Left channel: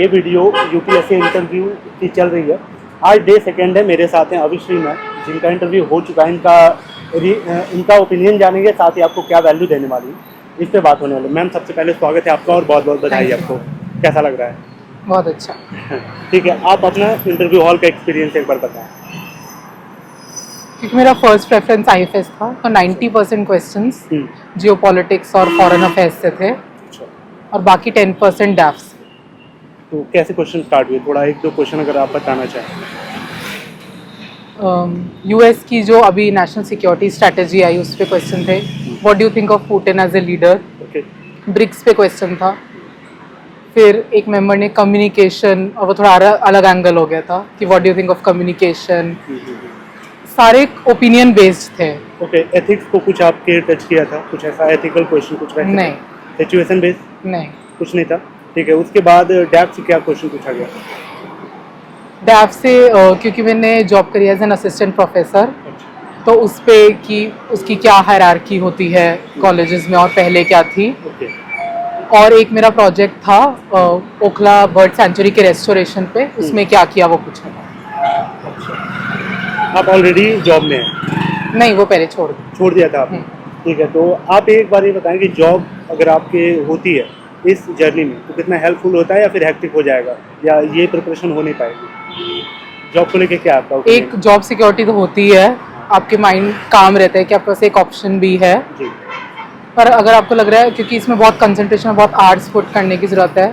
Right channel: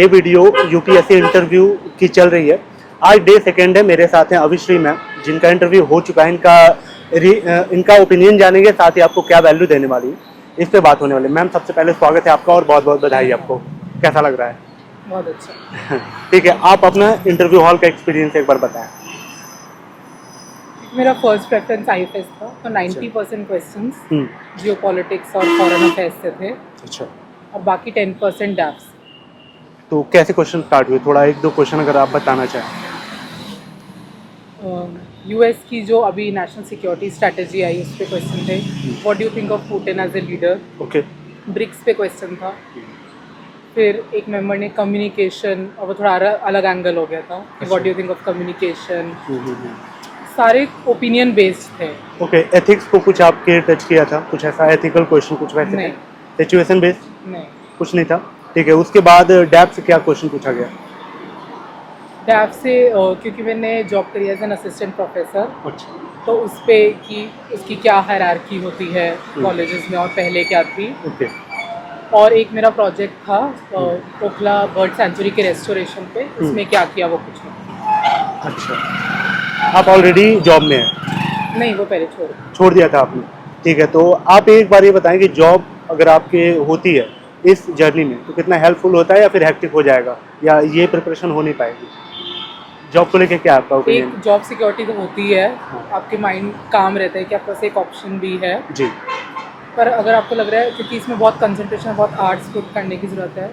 ये video UPSC interview की चल रही है। आज डे सेकेंड है। मेरे साथ हैं अविश्री मैम, जिनका इंटरव्यू हो चुका है। इनका ओपिनियन जानेंगे, साथ ही आपको क्या वैल्यू देने वाली है इस पे बात होने वाली है। मैम, सबसे पहले स्वागत है आपका और बहुत बहुत बधाई आपको। कैसा लग रहा है? बहुत अच्छा। ठीक है, आप अपना इंटरव्यू हॉल का एक्सपीरियंस एक बार बताएं। क्योंकि मेरा फर्स्ट प्रेफरेंस आईएफएस था, तो 90% क्वेश्चंस जियोपॉलिटिक्स और फॉरेन अफेयर्स से थे अच्छा, और बाकी 10% डैफ्स। तो कैसे क्वेश्चन स्टार्ट हुए? थोड़ा एक दो क्वेश्चन अगर आप बताना चाहें। यूएस की जो अभी नेशनल सिक्योरिटी स्ट्रेटेजी आई उस पे क्वेश्चन थे। What do you think of Putin as a leader? Okay. BRICS पे क्वेश्चन था। फिर एक मेंबर ने कम्युनिकेशन, और वो थोड़ा अलग एंगल हो गया था कि what do you think of communication. सारे ओपिनियन बेस्ड थे। ओके, एथिक्स को कुछ आपके टच किया था? कुछ ऐसा एथिकल क्वेश्चन कुछ वैसे? नहीं। सिचुएशन बेस्ड नहीं। कुछ नहीं था। ठीक है, उसके बाद डैप से क्या क्वेश्चन पूछा गया? डैफ से क्योंकि मैंने जॉब करी एज एन असिस्टेंट प्रोफेसर, अच्छा। तो उस पे कि उसकी क्या हायरार्की होती है कॉलेजेस में और पहले क्या थी। ओके। और एक मेरा प्रोजेक्ट था ओखला बर्ड सेंचुरी के रेस्टोरेशन पे, उसमें क्या किया वो पूछा। अच्छा, आप ऑलरेडी जॉब में हैं? नहीं, वो पहले छोड़ दिया था आपने? ठीक है, तो आप एक बार ये बताएं कि जॉब अगर आपके होती है इस जर्नी में तो कितना हेल्पफुल होता है या फिर हेक्टिक हो जाएगा, या ये प्रिपरेशन हो नहीं पाएगी? जॉब को लेके क्या आपका ओपिनियन? एक जॉब सिक्योरिटी तो होती है, आपके माइंड काम रहता है कि आपके पास एक ऑप्शन भी है। जी। पर अगर आपको लग रहा है क्योंकि इसमें बहुत कंसंट्रेशन, बहुत आर्ट्स पुट करने की ज़रूरत है,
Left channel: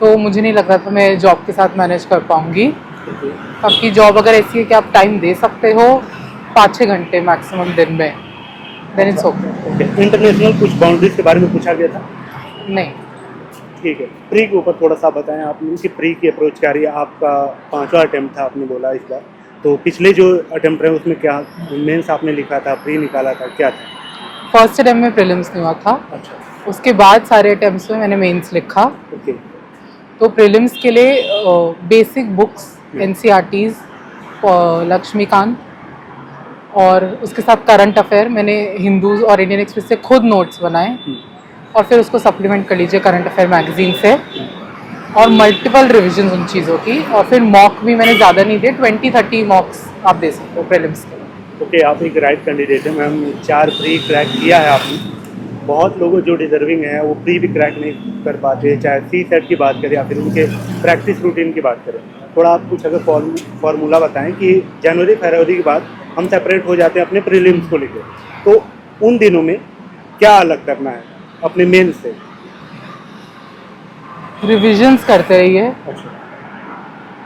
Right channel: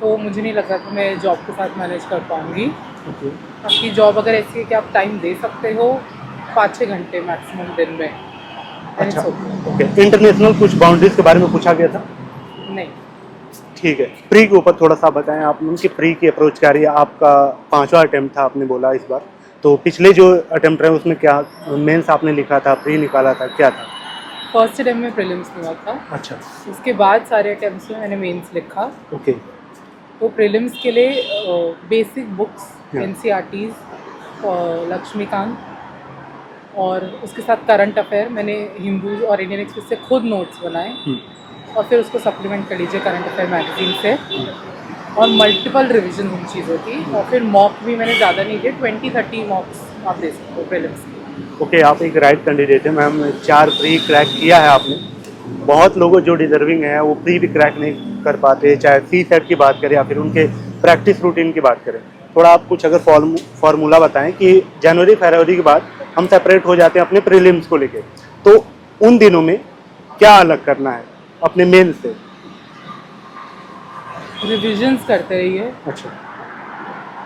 तो मुझे नहीं लग रहा था मैं जॉब के साथ मैनेज कर पाऊँगी। आपकी जॉब अगर ऐसी है कि आप टाइम दे सकते हो 5-6 घंटे मैक्सिमम दिन में, देन इट्स ओके। इंटरनेशनल कुछ बाउंड्रीज के बारे में पूछा गया था? नहीं। ठीक है, प्री के ऊपर थोड़ा सा बताएं आप लोगों की प्री की अप्रोच क्या रही है? आपका 5वां अटेम्प्ट था, आपने बोला इस बार, तो पिछले जो अटेम्प्ट रहे उसमें क्या मेंस आपने लिखा था, प्री निकाला था, क्या था? फर्स्ट अटेम्प्ट में प्रीलिम्स नहीं हुआ था। अच्छा। उसके बाद सारे अटेम्प्ट्स में मैंने मेंस लिखा। ओके। तो प्रीलिम्स के लिए बेसिक बुक्स एनसीईआरटीज, लक्ष्मीकांत, और उसके साथ करंट अफेयर मैंने हिंदू और इंडियन एक्सप्रेस से खुद नोट्स बनाए, और फिर उसको सप्लीमेंट कर लीजिए करंट अफेयर मैगजीन से, और मल्टीपल रिविजन उन चीज़ों की। और फिर मॉक भी मैंने ज़्यादा नहीं दिए, 20-30 मॉक्स आप दे सकते हो प्रीलिम्स के। ओके, आप एक राइट कैंडिडेट है मैम। 4 प्री क्रैक किया है आपने। बहुत लोग जो डिजर्विंग हैं वो प्री भी क्रैक नहीं कर पाते, चाहे सी सेट की बात करें या फिर उनके प्रैक्टिस रूटीन की बात करें। थोड़ा आप कुछ अगर फार्मूला बताएं कि जनवरी फरवरी के बाद हम सेपरेट हो जाते हैं अपने प्रीलिम्स को लेकर, तो उन दिनों में क्या अलग करना है अपने मेन से? रिविजन्स करते रहिए, अच्छा।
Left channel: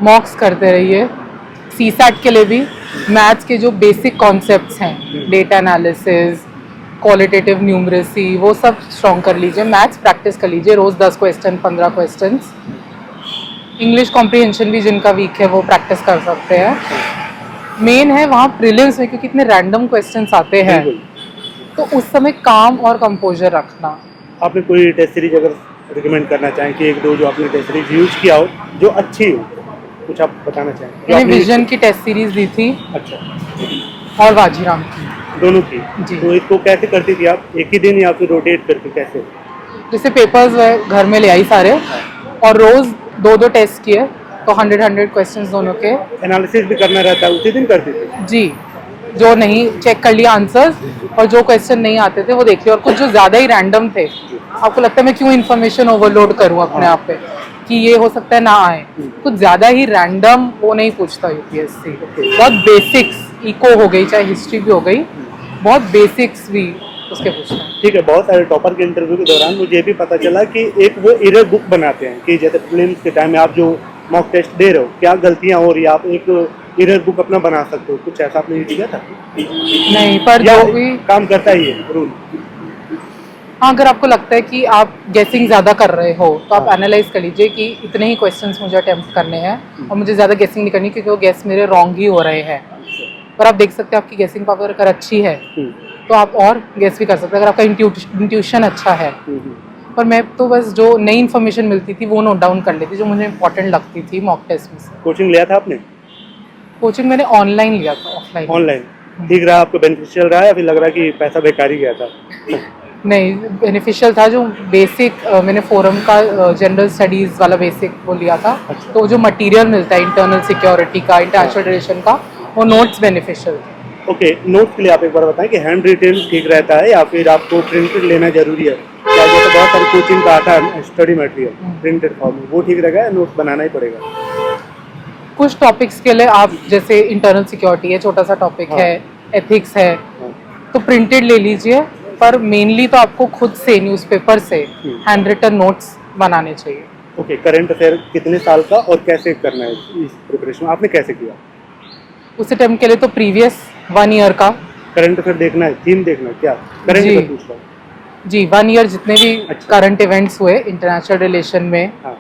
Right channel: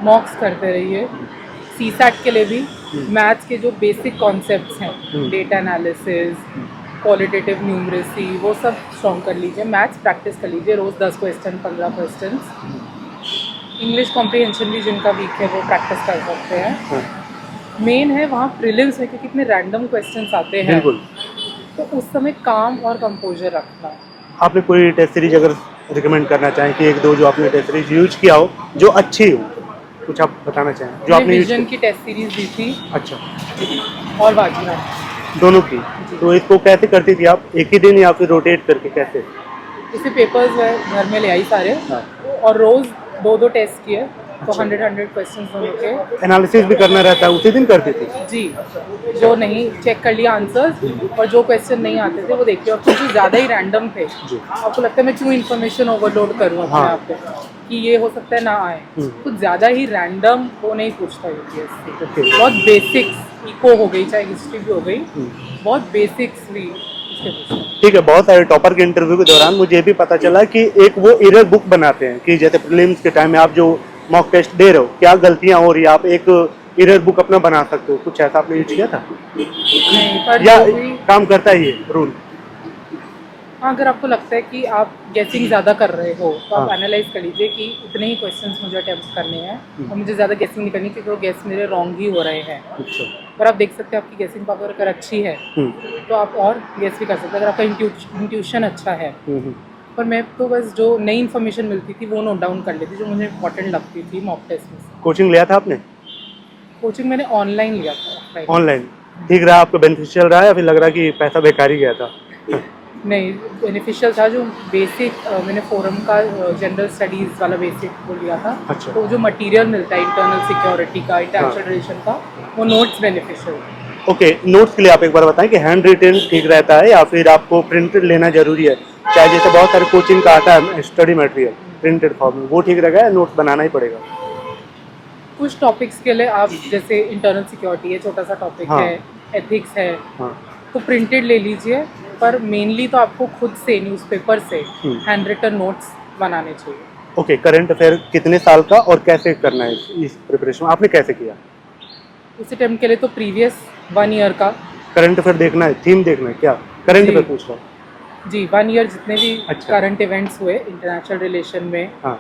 मॉक्स करते रहिए। सीसैट के लिए भी मैथ्स के जो बेसिक कॉन्सेप्ट्स हैं, डेटा एनालिसिस, क्वालिटेटिव न्यूमरेसी, वो सब स्ट्रॉन्ग कर लीजिए। मैथ्स प्रैक्टिस कर लीजिए, रोज़ 10 क्वेश्चन, 15 क्वेश्चंस। इंग्लिश कॉम्प्रिहेंशन भी जिनका वीक है वो प्रैक्टिस कर सकते हैं। मेन है वहाँ प्रीलिम्स में, क्योंकि इतने रैंडम क्वेश्चंस आते हैं, तो उस समय काम और कंपोजर रखना। आपने कोई टेस्ट सीरीज अगर रिकमेंड करना चाहें कि एक दो जो आपने टेस्ट सीरीज यूज किया हो जो अच्छी हो, कुछ आप बताना चाहें जो मैंने आपने विजन की टेस्ट सीरीज दी थी अच्छा। और वाजीराम दोनों की? जी। तो इसको कैसे करती थी आप, एक ही दिन या फिर रोटेट करके कैसे? जैसे पेपर्स घर में ले आई सारे, और रोज 2-2 टेस्ट किए, तो 100 क्वेश्चंस दोनों के। एनालिसिस भी करना रहता है, उसी दिन करते थे? जी, जो नहीं चेक कर लिया आंसर्स, और जो क्वेश्चन नहीं आते थे वो देखते। और कुछ जो ज़्यादा ही रैंडम थे, आपको लगता है मैं क्यों इन्फॉर्मेशन ओवरलोड करूँ अपने आप पे कि ये हो सकता है ना आए, कुछ ज़्यादा ही रैंडम वो नहीं पूछता यूपीएससी। बहुत बेसिक्स, इको हो गई, चाहे हिस्ट्री भी हो गई, बहुत बेसिक्स भी उसके पूछना। ठीक है, बहुत सारे टॉपर के इंटरव्यू के दौरान मुझे भी पता चला कि एक वो एरर बुक बनाते हैं कि जैसे प्रीलिम्स के टाइम में आप जो मॉक टेस्ट दे रहे हो, क्या गलतियां हो रही है, आप एक एरर बुक अपना बना सकते हो। कुछ ऐसा आपने यूज किया था? नहीं, पर या जो भी काम करता ही है रूल? हाँ, अगर आपको लगता है कि आप गेसिंग ज़्यादा कर रहे हो, तो आप हाँ। एनालाइज कर लीजिए कि इतने ही क्वेश्चंस मुझे अटेम्प्ट करने हैं, और मुझे ज़्यादा गेसिंग नहीं करनी, क्योंकि वो गेस मेरे रॉन्ग ही हो रहे हैं। अच्छा। पर आप देख सकते हैं आपकी गेसिंग पावर अगर अच्छी है तो आप और गेस भी कर सकते हैं, अगर आपका इंट्यूशन अच्छा है। पर मैं तो बस जो नई इन्फॉर्मेशन मिलती थी वो नोट डाउन कर लेती, जो मुझे इंपॉर्टेंट लगती थी मॉक टेस्ट में। कोचिंग लिया था आपने? कोचिंग मैंने ऑनलाइन लिया था, ऑफलाइन ऑनलाइन? ठीक रहा आपको? बेनिफिशियल रहा या फिर लग रहा है कि पैसा बेकार ही गया था? नहीं, बेनिफिशियल था जो बेसिक मैंने फोरम का जनरल स्टडीज़ वाला बेसिक वो लिया था। अच्छा। तो जो मटेरियल मिलता है इंटरनल सिक्योरिटी का, इंटरनेशनल रिलेशन का, वो नोट्स बेनिफिशियल थे। ओके, नोट्स के लिए आप एक बार बताएं कि हैंड रिटेन ठीक रहता है या फिर आपको प्रिंटेड लेना जरूरी है? क्या जैसे बहुत सारे कोचिंग का आता है स्टडी मटेरियल प्रिंटेड फॉर्म में, वो ठीक रहेगा या नोट्स बनाना ही पड़ेगा? कुछ टॉपिक्स के लिए आप जैसे इंटरनल सिक्योरिटी है, छोटा सा टॉपिक हाँ। है, एथिक्स है, हाँ। तो प्रिंटेड ले लीजिए, पर मेनली तो आपको खुद से न्यूज़पेपर से हैंड रिटन नोट्स बनाने चाहिए। ओके, करंट अफेयर कितने साल का और कैसे करना है इस प्रिपरेशन आपने कैसे किया? उस अटेम्प्ट के लिए तो प्रीवियस 1 ईयर का, करंट अफेयर देखना है, थीम देखना है क्या? करंट जी। अफेयर पूछ रहा हूँ। जी 1 ईयर जितने भी अच्छा। करंट इवेंट्स हुए इंटरनेशनल रिलेशन में, हाँ।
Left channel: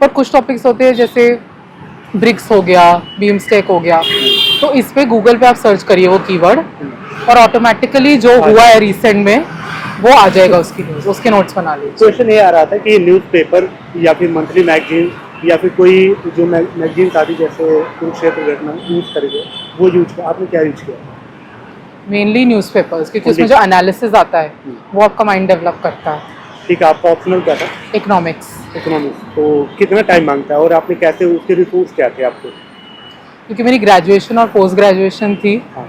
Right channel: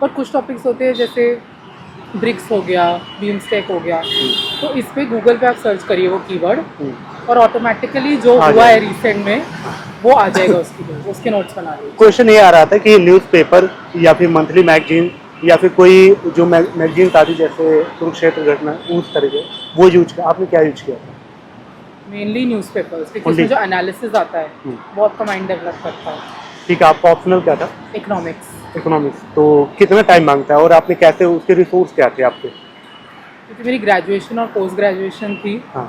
पर कुछ टॉपिक्स होते हैं जैसे ब्रिक्स हो गया, बीमस्टेक हो गया, तो इस पे गूगल पे आप सर्च करिए वो कीवर्ड और ऑटोमेटिकली जो हुआ है रिसेंट में वो आ जाएगा उसकी न्यूज़, उसके नोट्स बना लीजिए। क्वेश्चन ये आ रहा था कि न्यूज़पेपर या फिर मंथली मैगजीन या फिर कोई जो मैगजीन आती जैसे कुरुक्षेत्र घटना यूज करेंगे, वो यूज आपने क्या यूज किया? मेनली न्यूज़पेपर्स, क्योंकि उसमें Only- जो एनालिसिस आता है वो आपका माइंड डेवलप करता है। ठीक है, आपका ऑप्शनल क्या था? Economics, economics. तो कितना टाइम मांगता है और आपने कैसे उसके रिसोर्स क्या थे आपके? क्योंकि मेरी ग्रेजुएशन और पोस्ट ग्रेजुएशन थी, हाँ।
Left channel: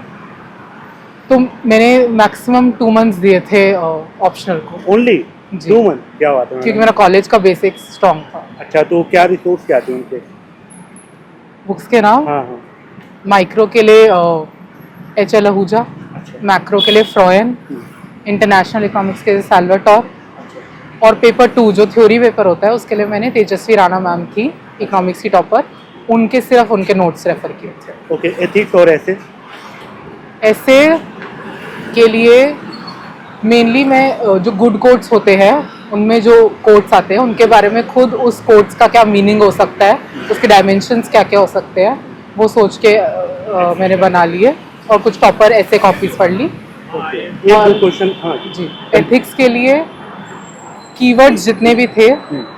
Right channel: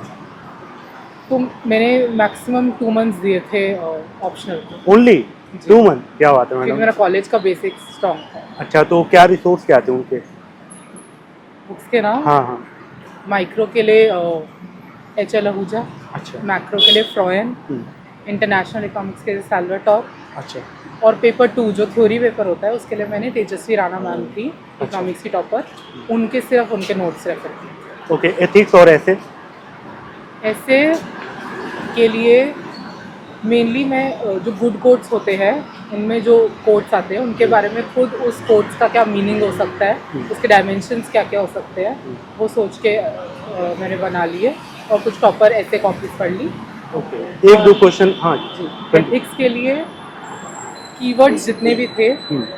तो मैंने मैक्सिमम 2 मंथ्स दिए थे ऑप्शनल को, ओनली जी। 2 मंथ? क्या बात है क्योंकि मैडम। मेरा कॉलेज का बेसिक स्ट्रॉन्ग था। अच्छा, तो क्या रिसोर्स क्या थे उनके? बुक्स के नाम, हाँ हाँ। माइक्रो के लिए एच.एल. आहूजा, अच्छा। मैक्रो के लिए फ्रॉयन, इंटरनेशनल इकोनॉमिक्स के लिए सैल्वाटोर, अच्छा। और पेपर 2 जो थ्योरी पेपर होता है उसके लिए मैंने तेजस्वी राणा मैम थी, इकोनॉमिक्स की टॉपर, उनके सिर्फ उनके नोट्स रेफर किए थे। ओके, एथिक्स और ऐसे? ऐसे के लिए मेनली मैं जो गुड कोट्स होते हैं उनमें जो कोट्स आते हैं उनके बारे में खुद उस कोट्स का क्या मीनिंग हो सकता है, उसके डायमेंशंस क्या क्या हो सकते हैं, वो सोच के मैंने बना लिए और कुछ प्रॉपर ऐसे कॉपीज पढ़ ली। एक दो क्वेश्चन। हाँ जी, एथिक्स के लिए कीवर्ड्स जितने भी थे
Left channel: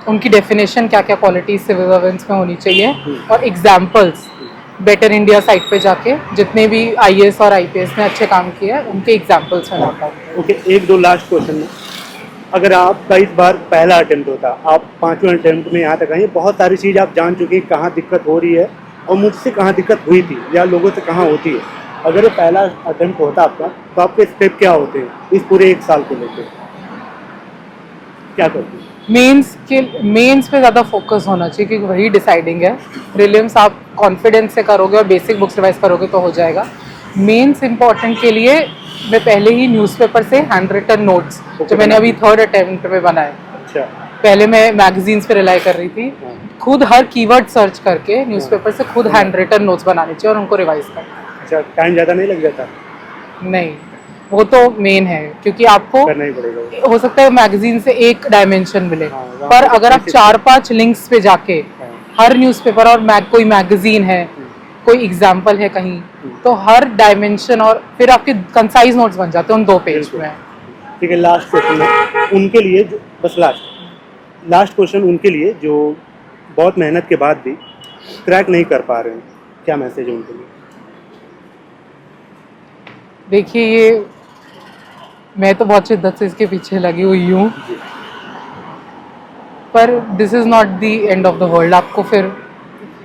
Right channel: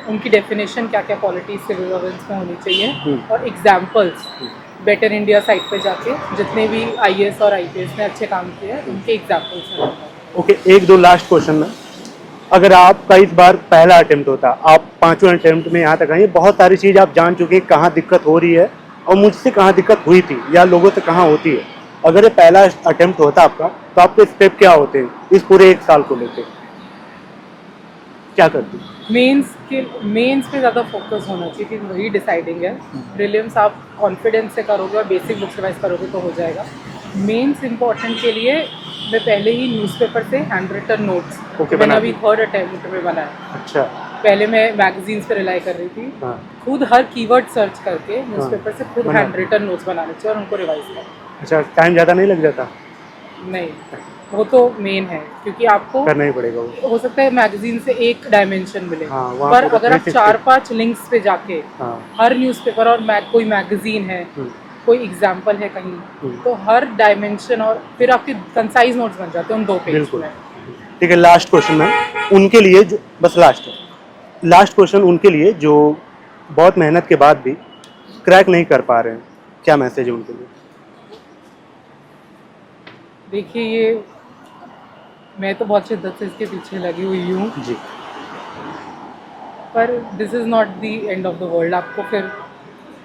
उनकी डेफिनेशन क्या क्या क्वालिटी सिविल सर्वेंट्स में होनी चाहिए, और एग्जाम्पल्स बेटर इंडिया साइट पे जाके जितने भी आईएएस और आईपीएस में अच्छे काम किए हैं उनके एग्जाम्पल्स में नोट आउट। ओके, एक दो लास्ट क्वेश्चन। अगर आपका इस बार पहला अटेम्प्ट होता, आप 5वें अटेम्प्ट में यहाँ तक आए, बहुत सारी चीज़ आप जान चुके हैं कहाँ दिक्कत हो रही है और मुझसे कहाँ दिक्कत हुई थी या लोगों से कहाँ होती है। अगर ये पहला अटेम्प्ट होता आपका, तो आपके स्टेप क्या होते हैं इस पूरे 1 साल को लेकर? क्या करते? मेंस पे ज़्यादा फोकस होना चाहिए क्योंकि वही डिसाइडिंग है। प्रीलिम्स आप कॉन्फिडेंस से करोगे और बेसिक बुक्स रिवाइज करोगे तो हो जाएगा। मेंस इंपॉर्टेंट के लिए मैं पहले ही न्यूज़पेपर से हैंड रिटन नोट्स जो मैंने अभी 3rd अटेम्प्ट में बनाए, अच्छा। पहले मैं मैगजीन्स पे रिलाई कर रही थी, हाँ। खुद हर कीवर्ड सर्च करके न्यूज़पेपर से खुद हैंड रिटन नोट्स बनाने चाहिए और उनको रिवाइज करना। अच्छा, टाइम ज़्यादा नहीं लग जाता? नहीं, वो तो मेन है क्योंकि आपको करना ही पड़ेगा वो। हो सकता है मैगजीन से एक डायमेंशन मिले, हाँ, वहाँ पर पे अगर आप basic- 4-5 लिंक्स पे जाके हाँ। हर न्यूज़पेपर और कोई मैगजीन है, कोई एग्जाम्पल है कहीं, तो हर डायमेंशन और फिर आपके कंसाइज नोट्स बन जाते हैं उन 2 पेज बिल्कुल। में। ठीक है, लास्ट क्वेश्चन है उनके लिए जो, बस लास्ट क्वेश्चन उनके लिए जो बहुत मेहनत के बाद भी क्रैक नहीं कर पा रहे हैं, क्या मैसेज उनके लिए? देखिए, ये मैं तो बहुत शिद्दत से इसके पीछे लगी हुई हूँ, जी। पर this is not the end of the world. आपको फिर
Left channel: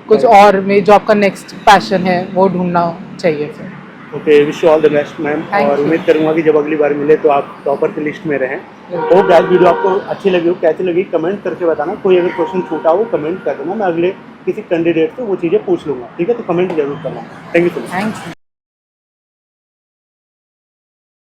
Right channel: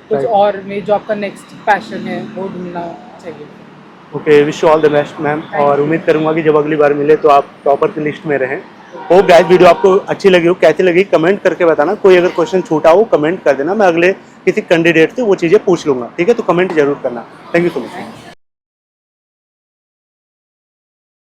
कुछ और में जो आपका नेक्स्ट पैशन है वो ढूंढना चाहिए फिर। Okay, wish all the best ma'am, Thank और you. उम्मीद करूंगा कि जब अगली बार मिले तो आप टॉपर की लिस्ट में रहें। हो गाइस, वीडियो आपको अच्छी लगी हो, कैसी लगी कमेंट करके बताना। कोई अगर क्वेश्चन छूटा हो कमेंट कर देना, मैं अगले किसी कैंडिडेट से वो चीज़ें पूछ लूँगा। ठीक है, तो कमेंट जरूर करना। Thank you so much. Thanks.